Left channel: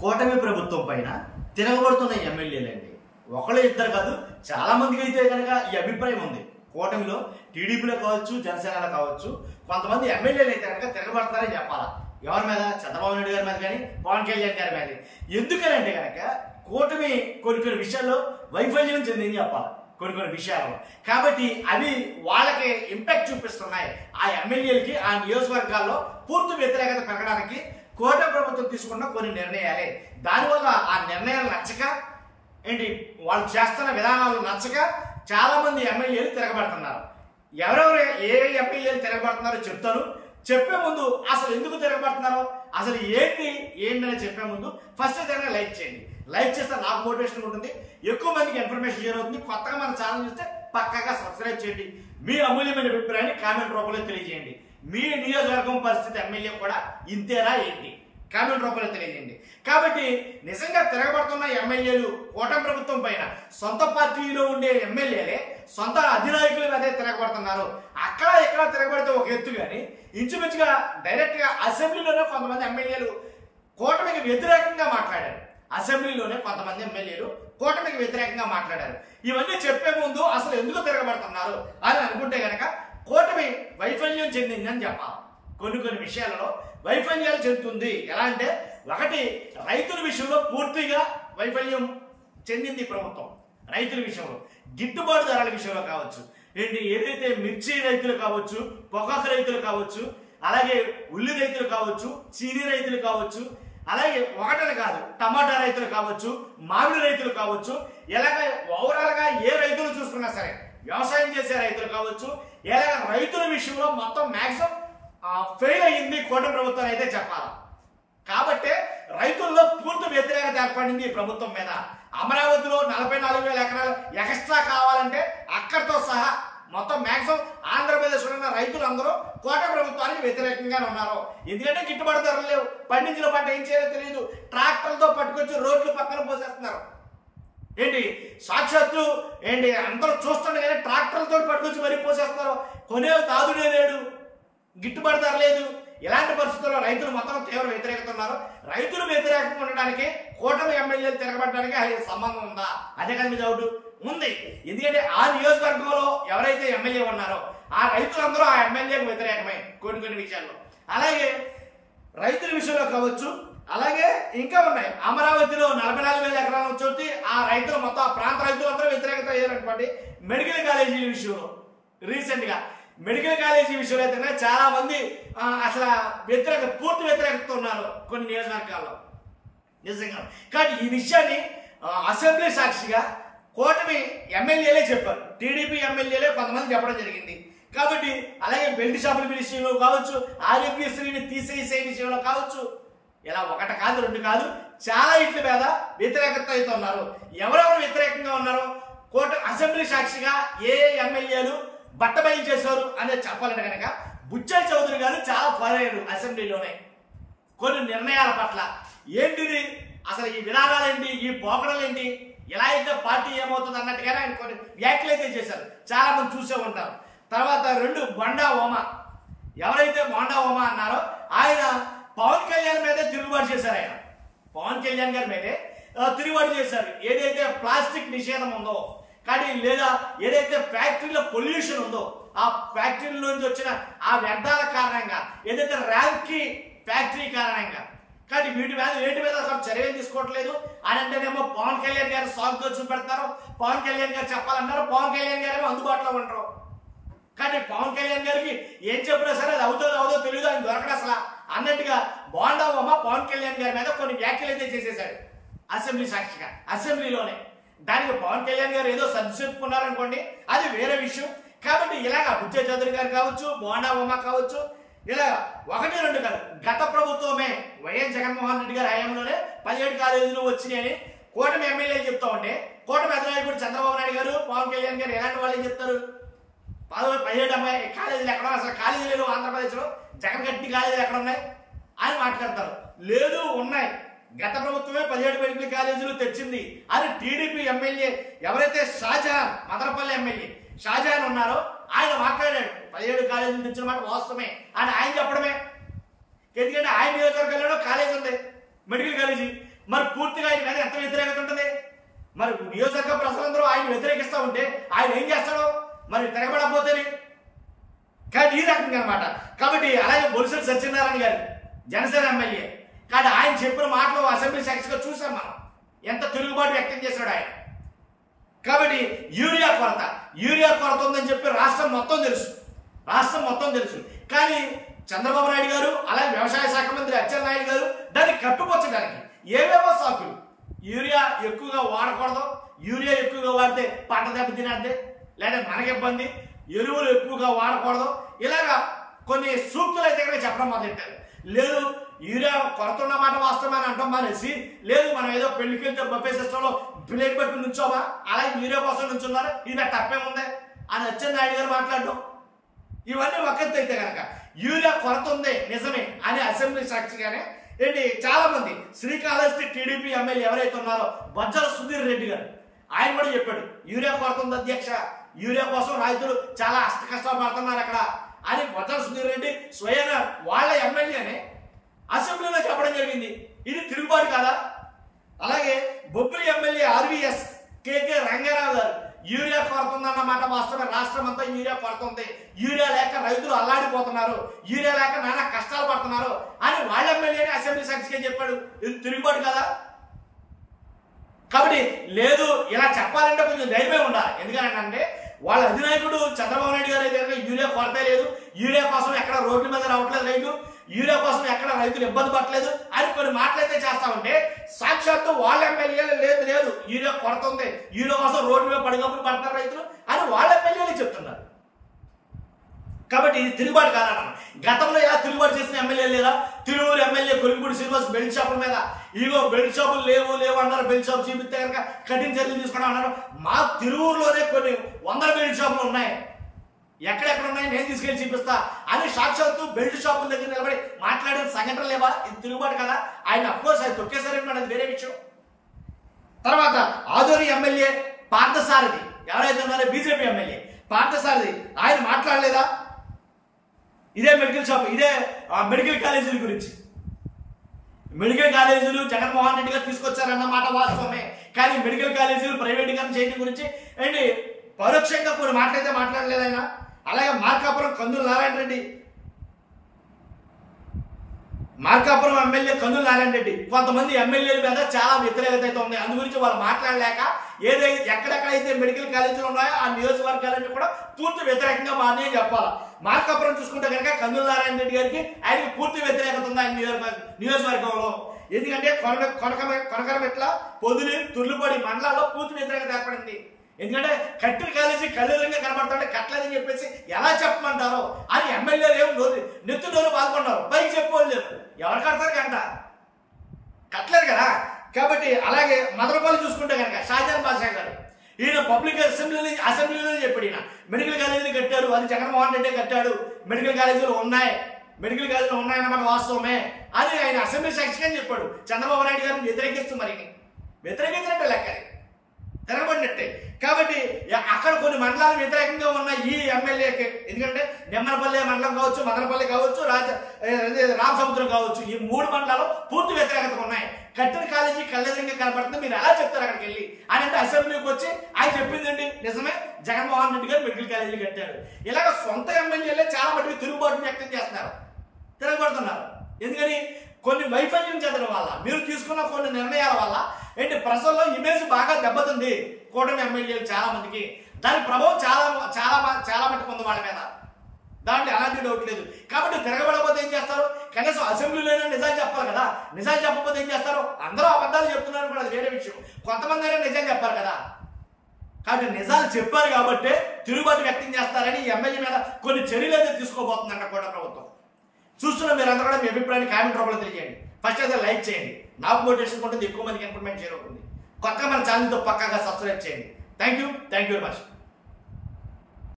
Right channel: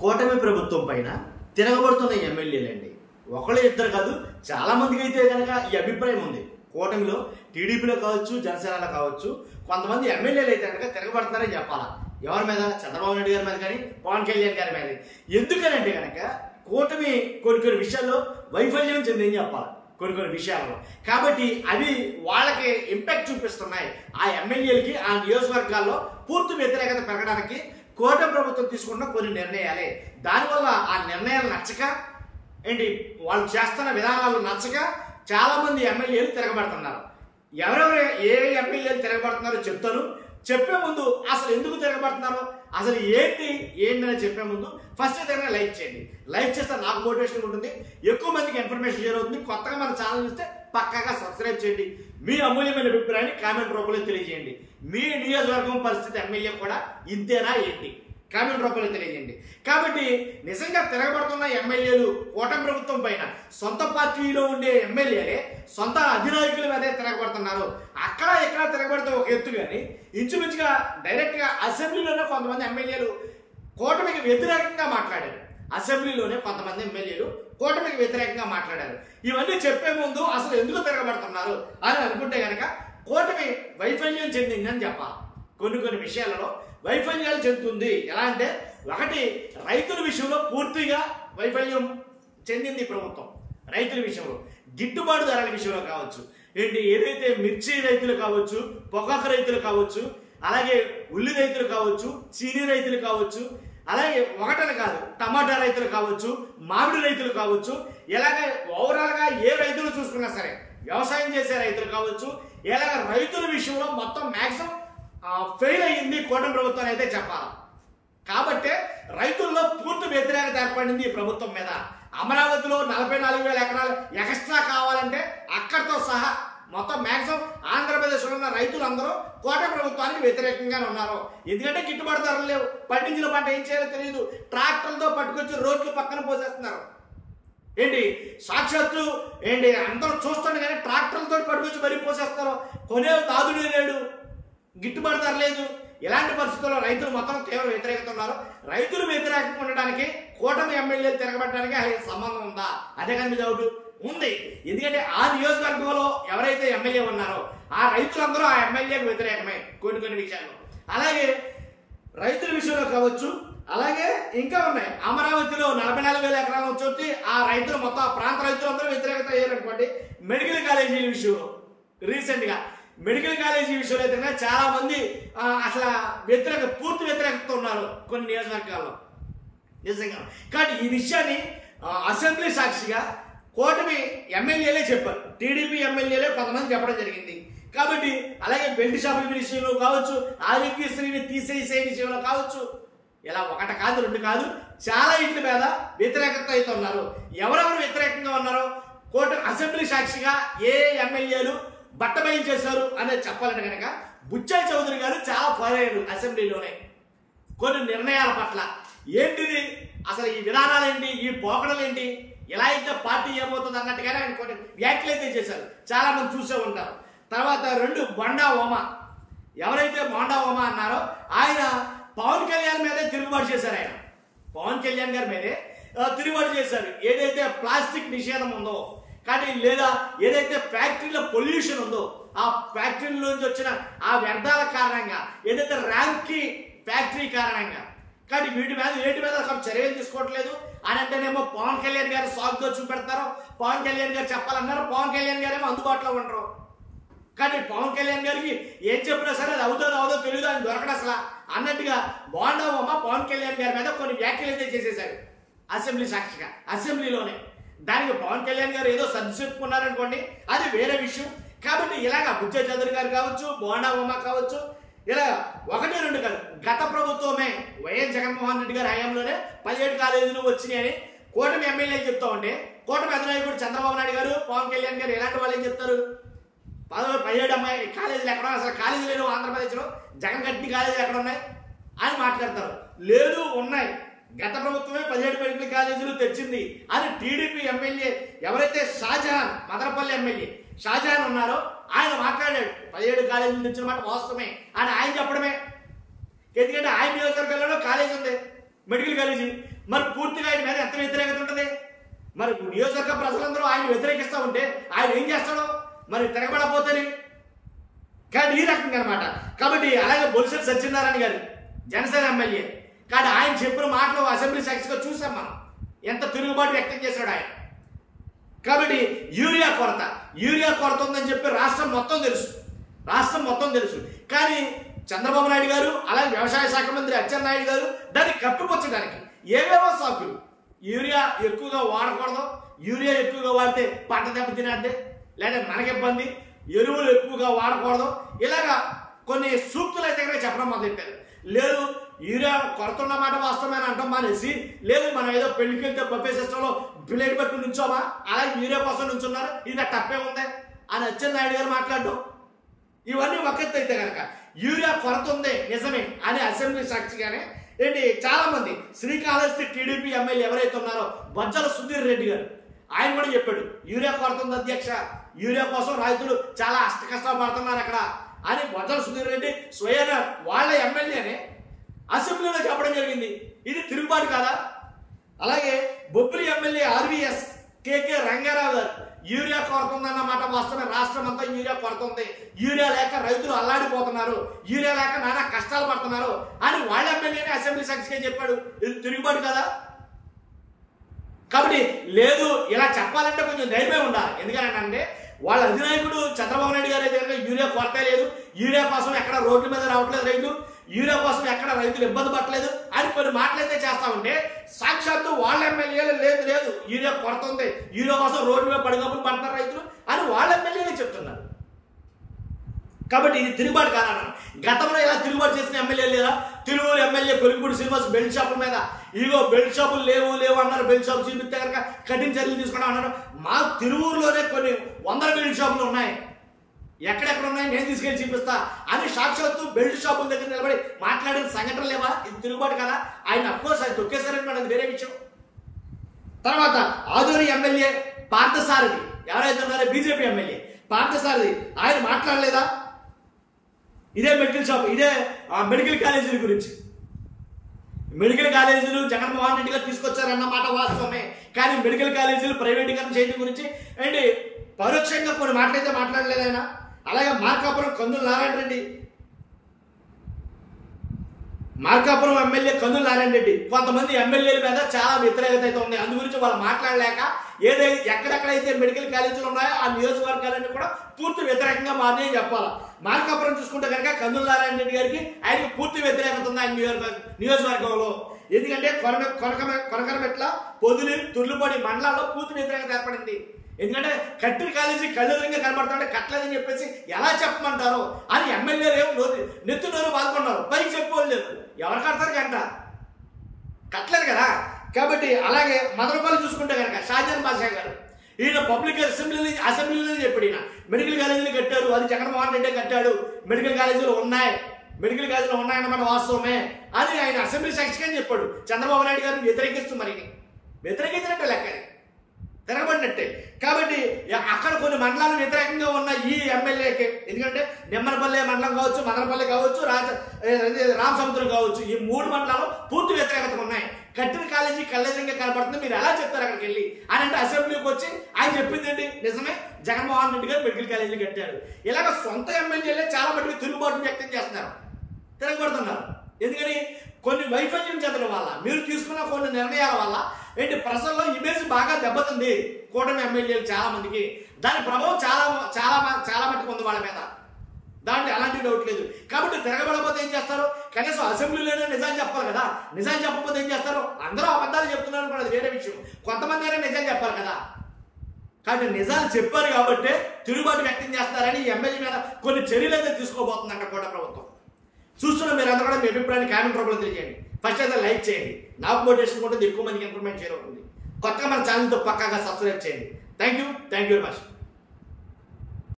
కూటమి ప్రభుత్వం పైన తిరగబడుతున్న ఎమ్మెల్యేలండి. ఒకళ్ళు ఇద్దరు కాదు, చాలా మందికి అయితే కనుక ఈ అభిప్రాయం ఉంది. కూటమిలో టీడీపీలో కావచ్చు, జనసేనలో కావచ్చు, కొంతమంది ఎమ్మెల్యేలు అయితే కనుక తిరగబడుతున్నారని చెప్పాలా. ఎవరి మీద? చంద్రబాబు నాయుడు గారి మీద కానీ, పవన్ కళ్యాణ్ గారి మీద. ఎందుకనంటే కనుక కూటమి కొన్ని విషయాల్లో వైఫల్యం చెందిందని చెప్పాలి, కొన్ని విషయాలలో. కాబట్టి అవి వాళ్ళకి ఇంపాక్ట్ చూపిస్తున్నాయి. ఆ ఎమ్మెల్యేలకి ఆ నియోజకవర్గాల్లో పూర్తి వ్యతిరేకత పెరగడానికి కూటమి ప్రభుత్వం తీసుకున్న కొన్ని నిర్ణయాలే. దానివల్ల ఆ నిర్ణయాలు నచ్చక వాళ్ళు చేస్తున్న విధానాలు నచ్చక చాలా మంది ఎమ్మెల్యేలు తిరగబడుతున్నారు. ఎవరెవరు ఏ ఎమ్మెల్యేలు తిరగబడుతున్నారో చెప్తారు. చెప్పే ముందు అసలు ఎందుకు తిరగబడుతున్నారో, అసలు ఏంటని చెప్పే ముందు ఫస్ట్ ఏదైనా లైక్ చేయండి. లైక్ చేస్తే నాకు మోటివేషన్ ఉంటుంది, ఎక్కువ మందికి ఇన్ఫర్మేషన్ షేర్ అవుతుంది. కొత్తగా మన ఛానల్ చూస్తే పక్కాగా సబ్స్క్రైబ్ చేయండి. మీ అమూల్యమైన అభిప్రాయాన్ని కామెంట్ రూపంలో తెలియజేయండి. మీ నియోజకవర్గం పరిస్థితి ఎమ్మెల్యే కూడా ఇంతేనా ఏంటి కామెంట్ రూపంలో తెలియజేయండి. కాబట్టి నిజంగా తిరగబడుతున్న ఎమ్మెల్యేలు కూటమి ప్రభుత్వం పైన సొంత పార్టీలో ఉండే ఎమ్మెల్యేలే సొంత అధినాయకుల మీదే తిరగబడుతున్నారు. అక్కడ ఇక్కడ తిరగబడితే ఒక ఎత్తు, కానీ ఇంచుమించుగా డైరెక్ట్గా అసెంబ్లీలోనే కొంతమంది ఎమ్మెల్యేలు కూటమికి వ్యతిరేకంగా మాట్లాడారు. అసెంబ్లీలోనే కొంతమంది ఎమ్మెల్యేలు కూటమికి వ్యతిరేకంగా మాట్లాడారు. ఇవన్నీ చెప్పే ముందు అసలు ఎందుకు తిరగబడుతున్నారు అని అనుకుంటే కనుక కూటమి వైఫల్యం చెందిందని చెప్పాలి. కొన్ని విషయాలలో వైఫల్యాలు చెందుతుంది. ఎలా అంటే, ఒకటి, రైతుల విషయంలో పూర్తిగా వైఫల్యం చెందింది ప్రభుత్వం. రైతుల విషయంలో గిట్టుబాటు ధరల విషయంలో కావచ్చు, ఏదైతే మిర్చి రైతులు కావచ్చు, పొగాకు రైతులు కావచ్చు, అలాగే ఉల్లి రైతులు కావచ్చు, చీనీ రైతులు కావచ్చు, అలాగే ఒకటని కాదు టమాటా రైతులు కావచ్చు, మామిడి రైతులు కావచ్చు, ఇలాగ ఓవరాల్గా ఏ రైతులు చూసుకున్నా సరే, వ్యవసాయం చేసే రైతులు కావచ్చు, ఇలాగ రైతుల విషయంలో మొత్తం మ్యాక్సిమం ఫెయిల్ అయ్యింది కూటమి ప్రభుత్వం అయితే చెప్పాలి. కాబట్టే రైతుల్లో పూర్తి వ్యతిరేకత ఏర్పడింది ఈ ప్రభుత్వం మీద. అమరావతిలో 44,000 ఎకరాలు ఎక్స్ట్రా కావాలంటే అక్కడితో సహా మొత్తం మ్యాక్సిమం ఆంధ్రప్రదేశ్లో ఉన్న రైతులందరూ కూటమి ప్రభుత్వానికి వ్యతిరేకంగానే ఉన్నారు. ఎందుకంటే గిట్టుబాటు ధరలు లేవు, పండించిన పంట ఏం చేయాలో తెలియదు, ట్రాక్టర్లతో పట్టుకొచ్చి రోడ్లు పక్కన పోసేస్తున్నారు. సాక్షాత్తు అందరూ చూస్తుండే కానీ ట్రాక్టర్లతో పట్టుకొచ్చి మరీ పోసేస్తున్నారు. కొనే తాదుడే లేడు, గిట్టుబాటు ధర లేదు. ఇలాంటి పరిస్థితుల్లో రైతులు మొత్తం తీవ్ర వ్యతిరేకత ఉన్నారు. రైతులు వ్యతిరేకంగా ఉండడానికి కూటమి ఎమ్మెల్యేలు తిరగబడడానికి అది సంబంధం ఉందా? అదే కానీ మీ డౌట్ ఉంది. ఎందుకంటే ఆ నియోజకవర్గంలో ఎవరైతే ఎమ్మెల్యే ఉన్నారో ఆ రైతులందరూ ఆ ఎమ్మెల్యేకి వ్యతిరేకమే కొన్ని విషయాల్లో. అలాగే రైతుల విషయంలో కావచ్చు, అలాగే ఇంకా ఉన్నాయి. అమరావతిలో 44,000 ఎకరాలు వచ్చి ఆ రైతులు మొత్తం ఆ ప్రాంత రైతులందరూ వ్యతిరేకత అయ్యారనుకోండి. మెడికల్ కాలేజీల విషయంలో రీసెంట్గా మెడికల్ కాలేజీ విషయంలో అయితే చాలా మంది అసలు పూర్తి వ్యతిరేకత ఉన్నారు కొన్ని నియోజకవర్గాల్లో నిజంగా. కాబట్టి ఈ విషయాన్ని అసెంబ్లీ సాక్షిగా కూటమి ఎమ్మెల్యేలే చెప్పారు, టీడీపీ ఎమ్మెల్యేలే కొంతమంది చెప్పడం జరిగింది. కాబట్టి అలాగే బెల్ట్ షాపుల విషయంలో కావచ్చు, ఆరోగ్యశ్రీని తీసేసే విషయంలో కావచ్చు, ఇలా ఒకటి కాదు రెండు కాదు చాలా ఇట్ల మీద వ్యతిరేకత అయితే ఉన్నారు. ఎవరెవరు వ్యతిరేకంగా ఉన్నారో అసెంబ్లీ సాక్షిగా ఏ ఎమ్మెల్యేలు బట్టబయలు చేశారు అనేది చెప్పాలంటే కనుక బుచ్చయ్య చౌదరి గారు చాలా పోరాడారు అసెంబ్లీలోనే కొన్ని నిర్ణయాల పట్ల. ఏంటిది అసలు ఈ విధానాలేంటి, ఈ పోకడలేంటి, ఎలా అయితే పార్టీ ఏమవుతుంది అన్నట్టుగానే ఆయన కొన్ని వ్యాఖ్యలు అయితే చేశారు, చాలా మంది చూసే ఉంటారు. తర్వాత రెండు, బొండా ఓమ, ఎవరైతే బొండా ఓమ అన్నారో ఆయన పవన్ కళ్యాణ్ మీదే తిరుగుబాటు చేశారు. ఆయన పవన్ కళ్యాణ్ గారి మీదే తిరుగుబాటు చేశారు. ఏదైతే ప్లాస్టిక్ నిషేధం ఉందో కానీ, లేదా ఏదైతే ఫ్యాక్టరీలో పొల్యూషన్ ఉందో ఆ ఫ్యాక్టరీల నుంచి వచ్చిన ఆ వ్యర్థాల కారణంగా, ఏదైతే ర్యాంకీ ఫ్యాక్టరీ కారణంగా, కానీ వీటి మీద అక్కడ చర్యలు తీసుకోవట్లేదు అని అంటేనేమో పవన్ కళ్యాణ్ గారు సాగుగా చూపెడతారు. పవన్ కళ్యాణ్ గారు చెప్పాలన్నారు, పవన్ కళ్యాణ్ గారేమో అందుబాటులో ఉండరు. కానీ పవన్ కళ్యాణ్ గారికి ఏం చెప్పినా సరే అది అవుదో తెలియదు, ఆయన దొరకడం అసలు అన్నట్టుగా బోండా ఉమ పవన్ కళ్యాణ్ గారి మీద కొన్ని వ్యాఖ్యలు అయితే చేసేశాడు అసెంబ్లీ సాక్షిగా అసెంబ్లీలోనే. దానికి పవన్ కళ్యాణ్ గారు ఏదో సర్ది చెప్పుకున్నారనుకోండి, అది వేరే విషయం. కాబట్టి ఇలాగా బుచ్చయ్య చౌదరి గారు కావచ్చు, బోండా ఉమ కావచ్చు, ఇలా ఒకటి రెండు కాదు, గత ప్రభుత్వమే వైఎస్ జగన్మోహన్ రెడ్డి గారి హయాంలోనే 17 కాలేజీలు వచ్చినాయని కూటమి ఎమ్మెల్యేలు చెప్తా ఉంటే, కూటమి అధినాయకుడు చంద్రబాబు నాయుడు గారు, పవన్ కళ్యాణ్ గారు ఎలాంటి వాళ్ళు ఏం చెప్తారు? 17 కాలేజీలు ఎక్కడ, అసలు కాలేజీలు లేవు ఆంధ్రప్రదేశ్లో, జగన్ కట్టిన కాలేజీలు ఎక్కడ ఉన్నాయి అని మాట్లాడతారు. లేదు, ఉన్నాయి, గత ప్రభుత్వమే 17 మెడికల్ కాలేజీలు తెచ్చింది అని టీడీపీ ఎమ్మెల్యే ఎవరైతే షాజహాన్, మదనపల్లి ఎమ్మెల్యే షాజహాన్ ఉన్నారో ఆయన మాట్లాడాడు. 17 కాలేజీలు తెచ్చిన మాట వాస్తవమే అని ఆయన చెప్పడమే. ఎందుకంటే ఆయన నియోజకవర్గంలో కాలేజీ ఉంది, మెడికల్ కాలేజీ. మరి పూర్తిగా ఆయన మీద ఎంత వ్యతిరేకత ఉంటుంది? మరి నియోజకవర్గ ప్రజలందరూ ఆయన వ్యతిరేకిస్తూ ఉంటే ఆయన ఏం చేస్తాడో మరి తిరగబడపోతేని. కానీ ఈ రకంగా అనమాట. కాబట్టి అలాగే బొలిశెట్టి సత్యనారాయణ గారు జనసేన ఎమ్మెల్యే, కానీ ఆయన చెప్పిన మాటలు అసెంబ్లీ సాక్షిగా చూసాం మనం, ఎంత తిరుగుబాటు వ్యక్తం చేశాడు ఆయన. కాబట్టి యూరియా కొరత ఉందని చెప్పి రాష్ట్రం మొత్తం తెలుసు. కానీ చంద్రబాబు నాయుడు గారు అలాగే వ్యవసాయ శాఖ మంత్రి అచ్చెన్నాయుడు గారు దాన్ని కప్పిపుచ్చడానికి ఏవేవో సాకులు, యూరియా ఎక్కువగా వాడకూడదు, యూరియా ఎక్కువగా వాడితే పంట దెబ్బతినేద్దే, లేదా మనకి ఇబ్బంది, ఎరువులు ఎక్కువగా వాడకూడదు, ఇలాగా కొన్ని సూక్తులు అయితే కనుక చెప్పడం మొదలెట్టారు. లేదు యూరియా కొరత ఉన్న మాట వాస్తవమని అంటాం మానేసి, లేదు మనం ఏదో పెళ్లికి వెళ్తే బఫే సిస్టంలో ప్లేట్ పట్టుకుని నుంచోమా, అలాగే యూరియా కోసం నుంచున్నారు, ఇది తప్పే ఉంది అని అచ్చెన్నాయుడు గారు మాట్లాడడం, ఇవన్నీ ఒకెత్తు అయితే కనుక యూరియా కొరత ఉంది నిజమే అని అసెంబ్లీ సాక్షిగానే ఏంటి చాలా మంది శ్రీకాళహస్తి టీడీపీ ఎమ్మెల్యే ఎవరైతే ఉన్నారో బొజ్జల సుధీర్ రెడ్డి గారు ఆయన కూడా చెప్పాడు, యూరియా కొరత ఉంది అధ్యక్ష, యూరియా కోసం రైతులు చాలా కష్టాలు పడుతున్నారు అక్కడ అని బొజ్జల సుధీర్ రెడ్డి స్వయాన వాళ్ళ ఎమ్మెల్యేనే అసెంబ్లీలో చెప్పడం జరిగింది. ఇది తిరుగుబాటు కాదా? అలాగే బొబ్బిలి ఎమ్మెల్యే ఆర్వీఎస్ కేకే రంగారావు గారు యూరియా కొరత ఉందన్నమాట వాస్తవమే, రాష్ట్రం అంతా యూరియా కొరత ఉంది, యూరియా లేక రైతులు అల్లాడిపోతున్నారు, యూరియా లేక నానా కష్టాలు పడుతున్నారు అని వాళ్ళ ఎమ్మెల్యేనే అసెంబ్లీ సాక్షిగా చెప్పాడు. ఇది తిరుగుబాటు కదా? కాబట్టి లేదు, ఇలా చెప్పాలంటే కొంచెం ధైర్యమే ఉండాలి. ఎందుకంటే వాళ్ళ అధినాయకుడు చంద్రబాబు నాయుడు గారు అయితే యూరియా కొరత లేదు, యూరియా కోసం ఎక్కడ రోడ్ల మీద రావట్లేదు రైతు, యూరియా కోసం ఎక్కడ రైతులు ఇబ్బంది పట్టలేదు అని కొన్ని మాటలైతే చేస్తా ఉంటే, సాక్షాత్తు వాళ్ళ ఎమ్మెల్యేలు లేదు యూరియా కొరత ఉంది, యూరియా కోసం రోడ్ల మీద పడిగప్పులు పడుతున్నారు రైతులు అని వాళ్ళ ఎమ్మెల్యేలు చెప్తున్నారు. కాబట్టి ఇది తిరుగుబాటు కాదన్నాను. గతంలో ఎలా తిరుగుబాటు చేసిన ఎమ్మెల్యేలు లేదా? తిరువూరు ఎమ్మెల్యే కొలిగిపూడి శ్రీనివాస్ బెల్ట్ షాపుల మీద ఇగో బెల్ట్ షాపులు లేవు అన్నారు, బెల్ట్ షాపు చూపిస్తే కనుక కఠిన చర్యలు తీసుకున్నాం అన్నారు. మా తిరువూరులోనే కొన్ని 100 బెల్ట్ షాపులు ఉన్నాయి, ఎక్కడెక్కడ ఉన్నాయి నేను తీసుకెళ్లి చూపిస్తా అని సాక్షాత్తు బెల్ట్ షాపుల దగ్గర నిలబడి మాట్లాడిన సంఘటన లేవా? ఇది తిరుగుబాటు కదా? ఆయన అఫ్కోర్స్ ఆయన తొక్కేశారని అది వేరే విషయం. తర్వాత ఆదోని ఎమ్మెల్యే పార్థసారథి ఎవరైతే ఉన్నారో బీజేపీ ఎమ్మెల్యే పార్థసారథి ఆయన మాట్లాడలేదా? ఇదే మెడికల్ షాప్, ఇదే మెడికల్ కాలేజీల గురించి, మెడికల్ కాలేజీలు జగన్మోహన్ రెడ్డి గారు తీసుకొచ్చారన్నమాట వాస్తవమే. కానీ మెడికల్ కాలేజీలు ప్రైవేటీకరణ చేయడం గురించి ఏంటి పరోక్షంగా కొన్ని మాటలైతే మాట్లాడలేదు ఆయన. అలాగే మార్కాపురం కందుల నారాయణ రెడ్డి, మార్కాపురం ఎమ్మెల్యే కందుల నారాయణ రెడ్డి కొంతమంది ఎమ్మెల్యేల మీద చాలా వ్యతిరేకత అయితే ఉంది. అందు గురించి వాళ్ళు మాట్లాడలేక ఏదైతే ఎక్కడెక్కడైతే మెడికల్ కాలేజీలు ఉన్నాయో ఆ నియోజకవర్గాలన్నీ కూడా పూర్తి వ్యతిరేకంగా మారినాయని చెప్పాలి. మార్కాపురం చూసుకుంటే కనుక కందుల నారాయణ రెడ్డి గారికి ఆయనకి పూర్తి వ్యతిరేకత ఉంది ఆయన నియోజకవర్గంలో. ఎందుకంటే కొనకరమెట్ల, పొదిలి, తుర్లుపడి మండలాల్లో పూర్తి వ్యతిరేకత ఏర్పడింది. ఎందుకంటే కట్టిన కాలేజీ కళ్ళెదురుగా కనబడుతుంటే కట్టలేదని చెప్పేసి ఎలా చెప్పమంటారో అని ఎమ్మెల్యేలు ఏమో నెత్తి నోరు పాల్గొన్నారు, పైకి చెప్పేవాళ్ళు లేదు. ఎవరు కడతారు గంట? కట్టలేదు కదా. కాబట్టి అలాగే మదనపల్లి చూసుకుంటే కనుక షాజాన్ బాషా గారు ఈయన పబ్లిక్ అసెంబ్లీలోనే చెప్పాడు, ఈయన మెడికల్ కాలేజీలు కట్టారు, అది జగన్మోహన్ రెడ్డి కట్టాడు, మెడికల్ కాలేజీలు ఉన్నాయన్నమాట వాస్తవమే అని ఆయన అసెంబ్లీ సాక్షిగా చెప్పాడు. చంద్రబాబు నాయుడు గారిని వ్యతిరేకిస్తూ మరి వ్యతిరేకించినట్టే లెక్క, తిరగబడినట్టే. కాబట్టి అక్కడ కొన్ని మండలాలు వ్యతిరేకంగా ఉన్న ఈ ఎమ్మెల్యేకి, ఎందుకంటే నిమ్మనపల్లి మండలం కావచ్చు, మదనపల్లి కావచ్చు, రామసముద్రం కావచ్చు, ఈ 3 మండలాలు పూర్తి వ్యతిరేకత ఉన్నాయి. కట్టిన కాలేజీ కళ్ళెదురుగా కనపడుతుంది, మీరు ఎలా చెప్తారు అక్కడికి వెళ్ళి అని అంటే అసెంబ్లీకి వచ్చి ఆయన చెప్పిందండి నిజమే, జగన్మోహన్ రెడ్డి గారు మెడికల్ కాలేజీలు కట్టారు. ఇలాగ సొంత ఎమ్మెల్యేలే చాలా మటుకు తిరుగుబాటు వ్యక్తం చేస్తున్నారు, తిరగబడుతున్నారు. ఎందుకని కొన్ని వైఫల్యం చెందడం వల్ల, మీరు తీసుకున్న కొన్ని నిర్ణయాల వల్ల ఏంటి ప్రజల్లో ఇమేజ్ బాగా దెబ్బతింది కూటమి ఎమ్మెల్యేలు చాలా మందికి. దాని ప్రభావం చాలా మట్టుకు ఉంది వాళ్ళ మీద, దాంట్లో ఎలాంటి డౌట్ లేదు. కాబట్టి తిరగబడకపోతే ఏం చేస్తారు? కనీసం అసెంబ్లీలోనే నిజాలు చెప్పాలి కదా. నిజాలు చెప్పకపోతే ఏం చేస్తారు? అందరూ అబద్ధాలు చెప్తున్నారు కూడా, అది వేరే విషయం. కొంతమంది అయినా నిజాలు చెప్పాలి కదా. కాబట్టి నిజాలు చెప్పారు కాబట్టి తిరుగుబాటు వ్యక్తం చేస్తారని ఈ ఎమ్మెల్యే మీద కొన్ని చర్యలు అయితే తీసుకోబోతుందంట కూటమి ప్రభుత్వం. చూస్తున్న మీరంతా కూడా మీ అభిప్రాయాన్ని కామెంట్ రూపంలో తెలియజేయండి. ఫస్ట్ అయితే లైక్ చేయండి, నాకు మోటివేషన్ ఉంటుంది, ఎక్కువ మందికి ఇన్ఫర్మేషన్ షేర్ అవుతుంది. కొత్తగా మన ఛానల్తో పక్కాగా సబ్స్క్రైబ్ చేయండి. Thank you very much.